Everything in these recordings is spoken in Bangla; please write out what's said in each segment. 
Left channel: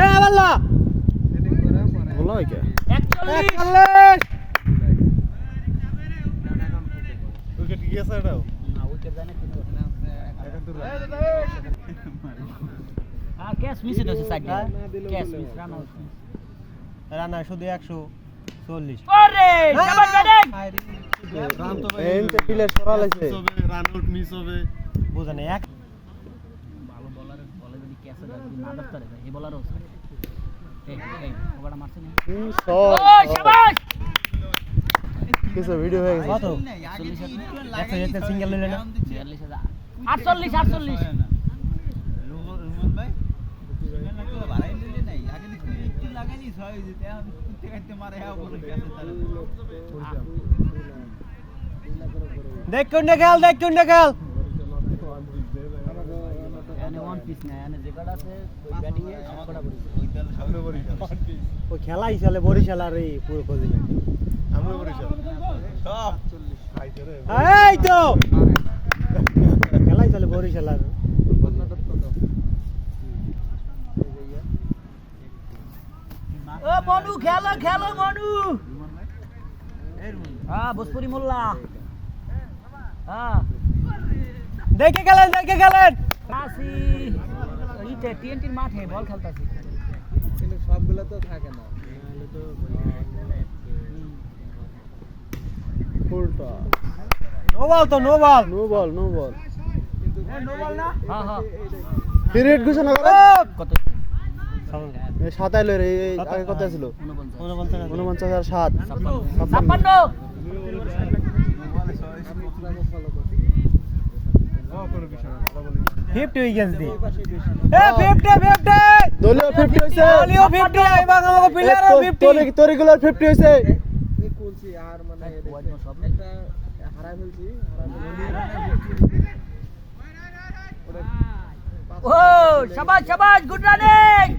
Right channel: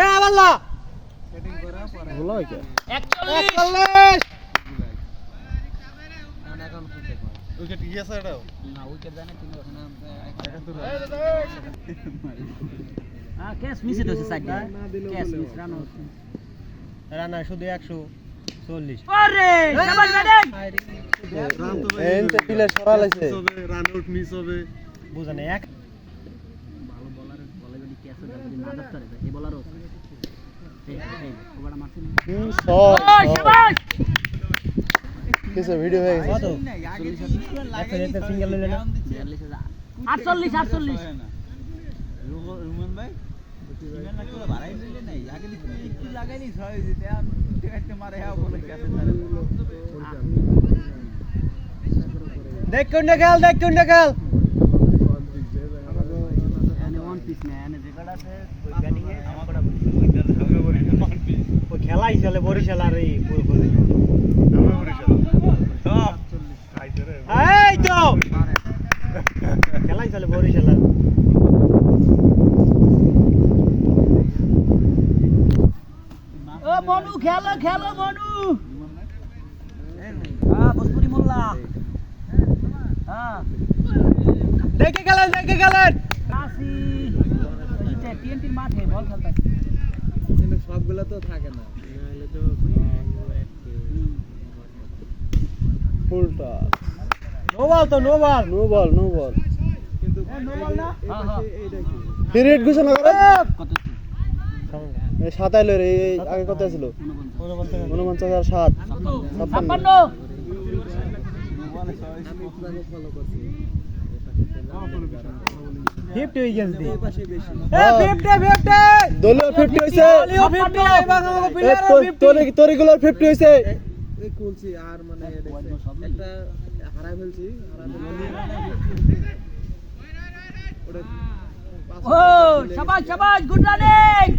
এ আল্লাহ বলা হয় কে 41 উইকেট কি আছে এটাও না উইকেট জানে তিন আর ক্যাচ মিস হইছে side catch miss run out Rana শুধু 140 আরে ডাবল ব্যাটিং এনতে প্লেয়ার সরা লাইছে রান আউট মিস হবে বুঝেন এক ভালো বোলারের বলে যদি ক্যাচ না ধরতে পারে এই বোলারও এই ওটা মারছে না শট শাবাশ কিছু ভিডিও হয়ে গেছে কত একটা যেতে সিঙ্গেল নিলে না 48 48 রুমন ভাই সিগন্যাল না করে বাড়াই দিলে নাই আগে দিকে একটু লাগাইলি ছয় যেতে আর উঠতে কাটতে মারে হ্যাঁ বলে কাছে দেখ কোনটা খেল এনে ওয়ান পিস না এনে যেটা আছে ওই ব্যাটিং এ আমাগড়া ও খেলাই চলে বরিশাল আর এই পুরো এই তো খেলাই চলে বরিশাল আর ও মনু খেলো মনু হ্যাঁ ভোজপুরি মোল্লা হ্যাঁ দেখে গেলেন কাশি ইতে টিএনটির মাঠে বল খেলতাছে কিন্তু সবগুলো তো থাকে না full toss no ball no ball কিন্তু নো বল না হ্যাঁ হ্যাঁ পিরিয়ড ঘোষণা করে কত এই 27 এর এই আগে কত ছিল 49,7 56 56 আমি আপনাকে ফলো করছি 50 উইকেটস দি পাশে বেশি এ 50 দলীয় 50 হইছে দলীয় 50 আইবা আমাকে প্লেয়ার 50 তোর রেগুলার 50 হইছে এই কোনছি আর মানে একটা হারাই ফেলছি ওটা ও শাবাশ গুড রানিং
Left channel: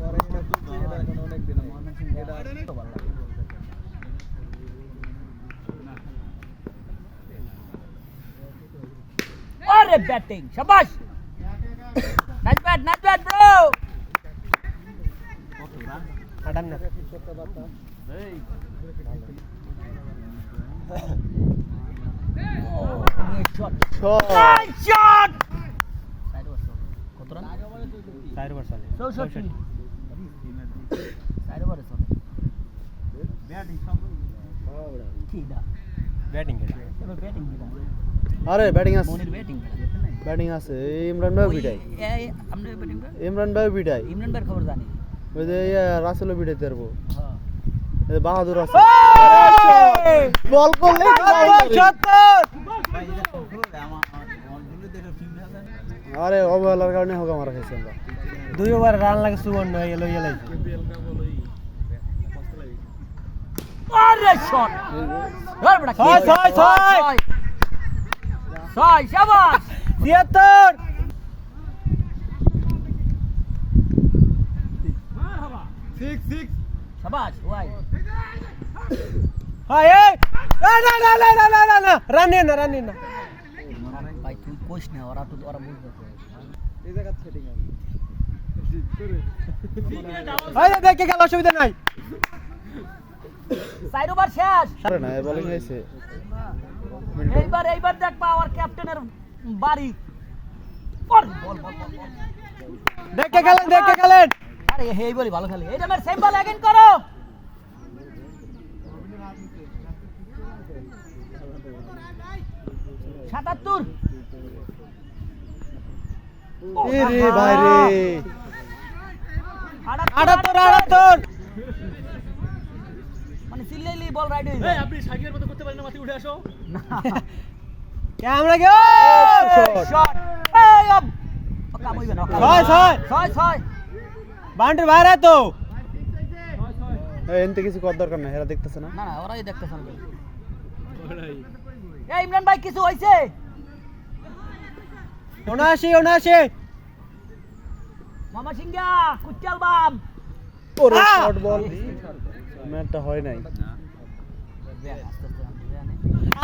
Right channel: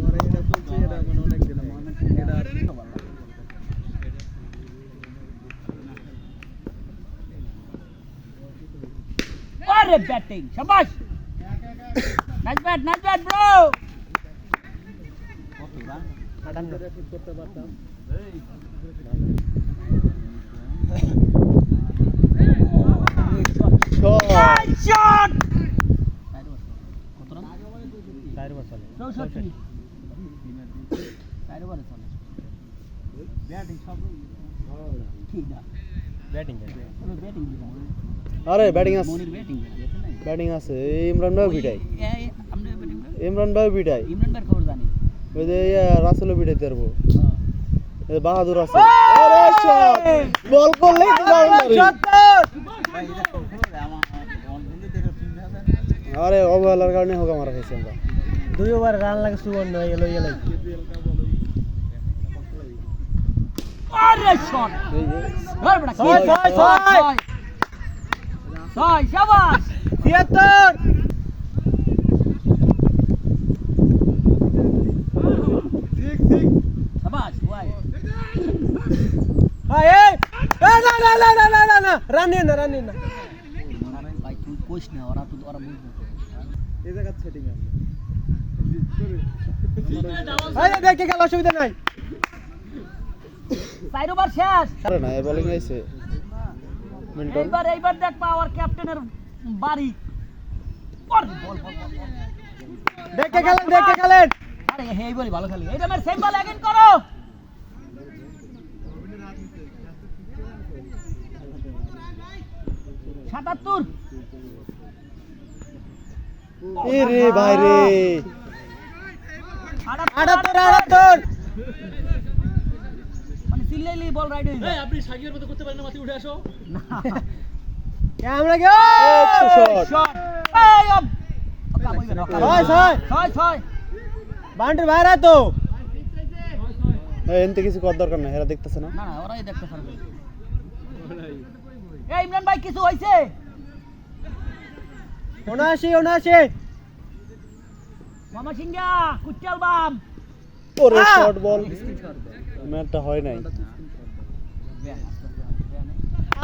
পরে এটা কোনছি এটা এখন অনেক দিন এটা আরে ব্যাটিং শাবাশ নাইস ব্যাট ব্রো আডাম না ঠিক করতে পারতাম শট শট চার বছর 64 চার ওভারে চলে ব্যাটিং সব ঠিক না ব্যাটিং কোনো ব্যাটিং দিলাম আরে ব্যাটিং আছে মনির ব্যাটিং ব্যাটিং আছে এই ইমরান ভাই বিটাই এই আমরা ব্যাটিং ইমরান ভাই বিটাই ইমরান ভাইয়ের খবর জানি ওই যে রাসেল বিটাই পারবো এই বাহাদুর আছে আরে শট বল করলে বাউন্ডারি ভাই এটা সফল হবে আমার বলগুলো দেখে ঠিক না আরে অবহেলার কারণে হোক মারা খাইছি আমরা দুই ওভার রান লাগে সুবর্ণ এলো আরে শট এই যে ধর বড়া ছয় শাবাশ 76 শাবাশ ওয়াই হাই এই না রান না ভাই তুই কোশ না ওরা বুঝবে এই জায়গা সেটিং আছে এই দেখে গেল অসুবিধা নাই চার ওভার শেষ আরে না বোলিং আইছে মিল্টন এইবার দেখ পাওয়ার ক্যাপ্টেনের বাড়ি বল দেখে গেলেন আরে হেই বলি ভালো খেলে এটা আমার সেম বল এগেইন করো সাতাত্তর এ রে ভাই রে 78 মানে সিল্লেলি বল রাইড হইছে এই আপনি সাগিয়ের মতো করতে পারেন না মাটি উঠে আসো ক্যামেরা গে শট শট এই আব কাম হইবে না ছয় বাউন্ডারি বাইরে তো এই এনতে কিছু করার দরকার নাই এরা দেখতেছে না না ওরাই দেখতে পারবে এই ইমরান ভাই কিছু হইছে 79 মামা সিংহা কুচাল বাম ওরে শর্ট বল ম্যাচটা হয় নাই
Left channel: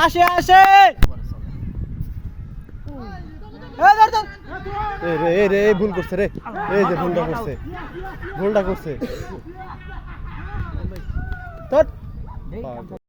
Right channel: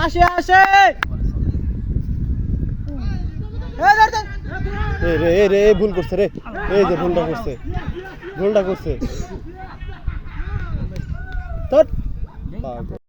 আসে এই ধর এই রে ভুল করছে রে, এই যে ভুলটা করছে তোর পাগল।